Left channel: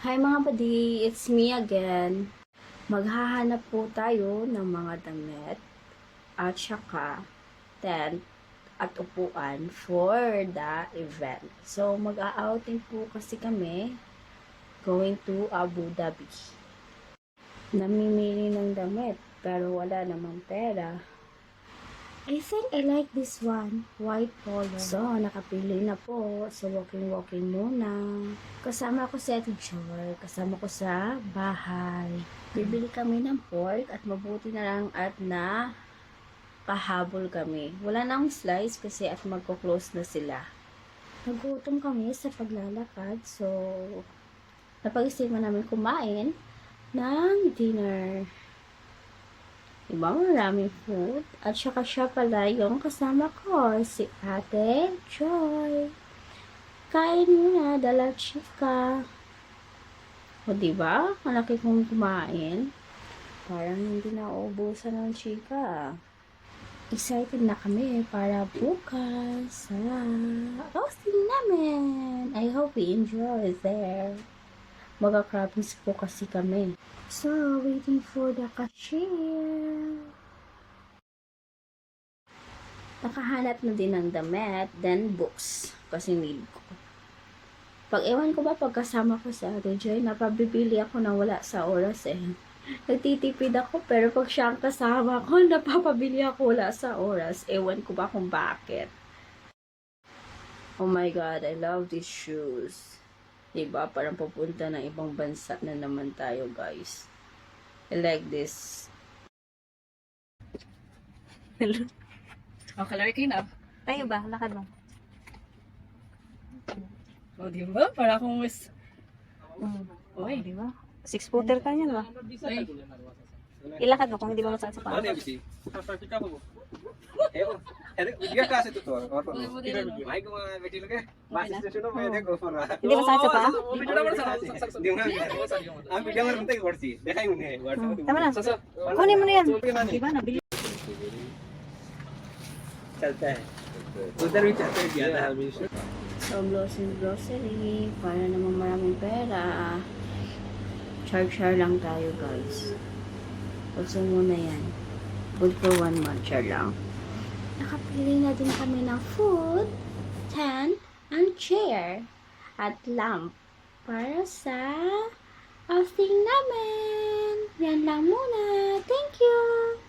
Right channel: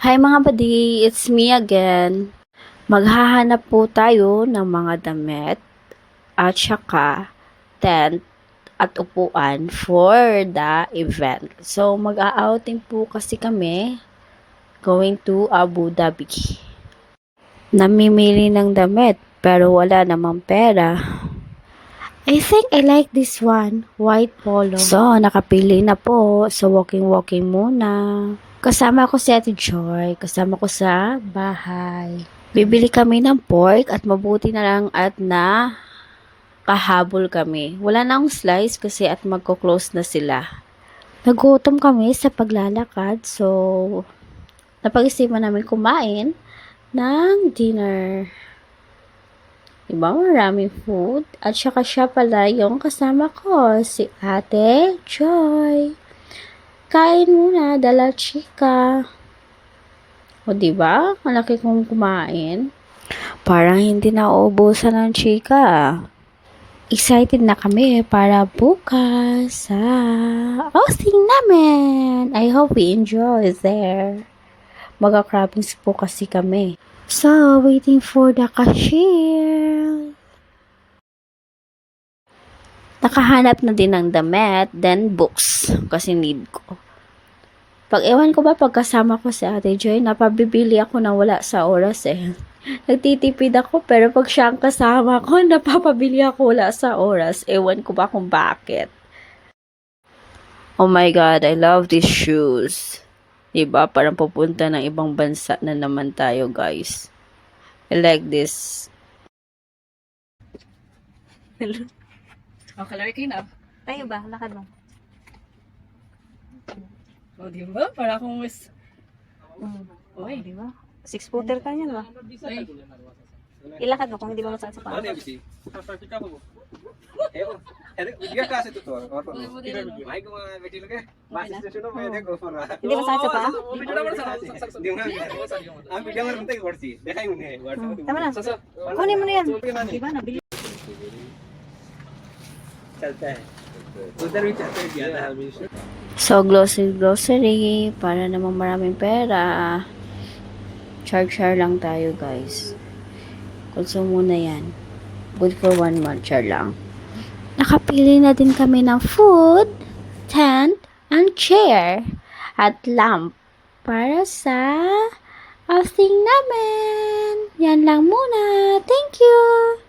Hi mga buddy, it's me again. Maghahanap po tayo ng mga damit at saka tent at upuan for the event. So mag-a-outing po kasi kami going to Abu Dhabi. Namimili ng damit pero wala namang pera. I think I like this one, white polo. So, nakapili na po. So, walking muna. Kasama ko si Ate Joy. Kasama ko sa bahay. Bibili kami ng pork at mabuti na lang at na kahabol kami. Wala na akong slice kasi at magko-close na sila. Nagutom kami sa paglalakad. So, napag-isipan namin kumain ng dinner. Diba, maraming food. At saka siya pala yung kasama ko, si Ate Joy. Kain muna, dala chika. O diba, malaki kong kumain. Parang hindi na uubusan ng chika. Excited na kami para bukas sa outing namin. I hope we enjoy there. Mag-crabbings po kasi kami. So, waiting for the cashier. Nakahanap na din ng damit, then books, kasi need ko. Pag ewan ko ba, pagkasama ko si Ate Joy, napabibili ako na wala sa oras eh. Nagtitipid ako, pero pag siya ang kasama ko, napapabili ako wala sa oras. Ewan ko ba kung bakit. Oh my God, I love these shoes. Diba? Parang pupunta ng ibang bansa na naman tayo, guys. I like this. Hello. Oh, kalari kayo na. Tayo ba? Lakad mo. Oh, di ba? Para akong mas... Oy, di ba? Six-footer ka niyan ba? Ay, Ilakad mo kung hindi mo masakit sa paa. Dia class itu tuh. Baik cuma kecil ke? Masih station में देखो पर. Hindi masakit sa paa? हम वीडियो में बनते वर्सी. देखा ही उन्हें WhatsApp. Tama na. Kunin mo na yan. Di ba? Nabili. चलता है. उधर भी चलते गया था हमेशा. So, grocery, para namang maraming pera. Char lang tayo, guys. Also muna yan. Good for 1 month, char lang. Nakapili na din kami ng food, tent, and chair, at lamp para sa outing namin. Yan lang muna. Thank you!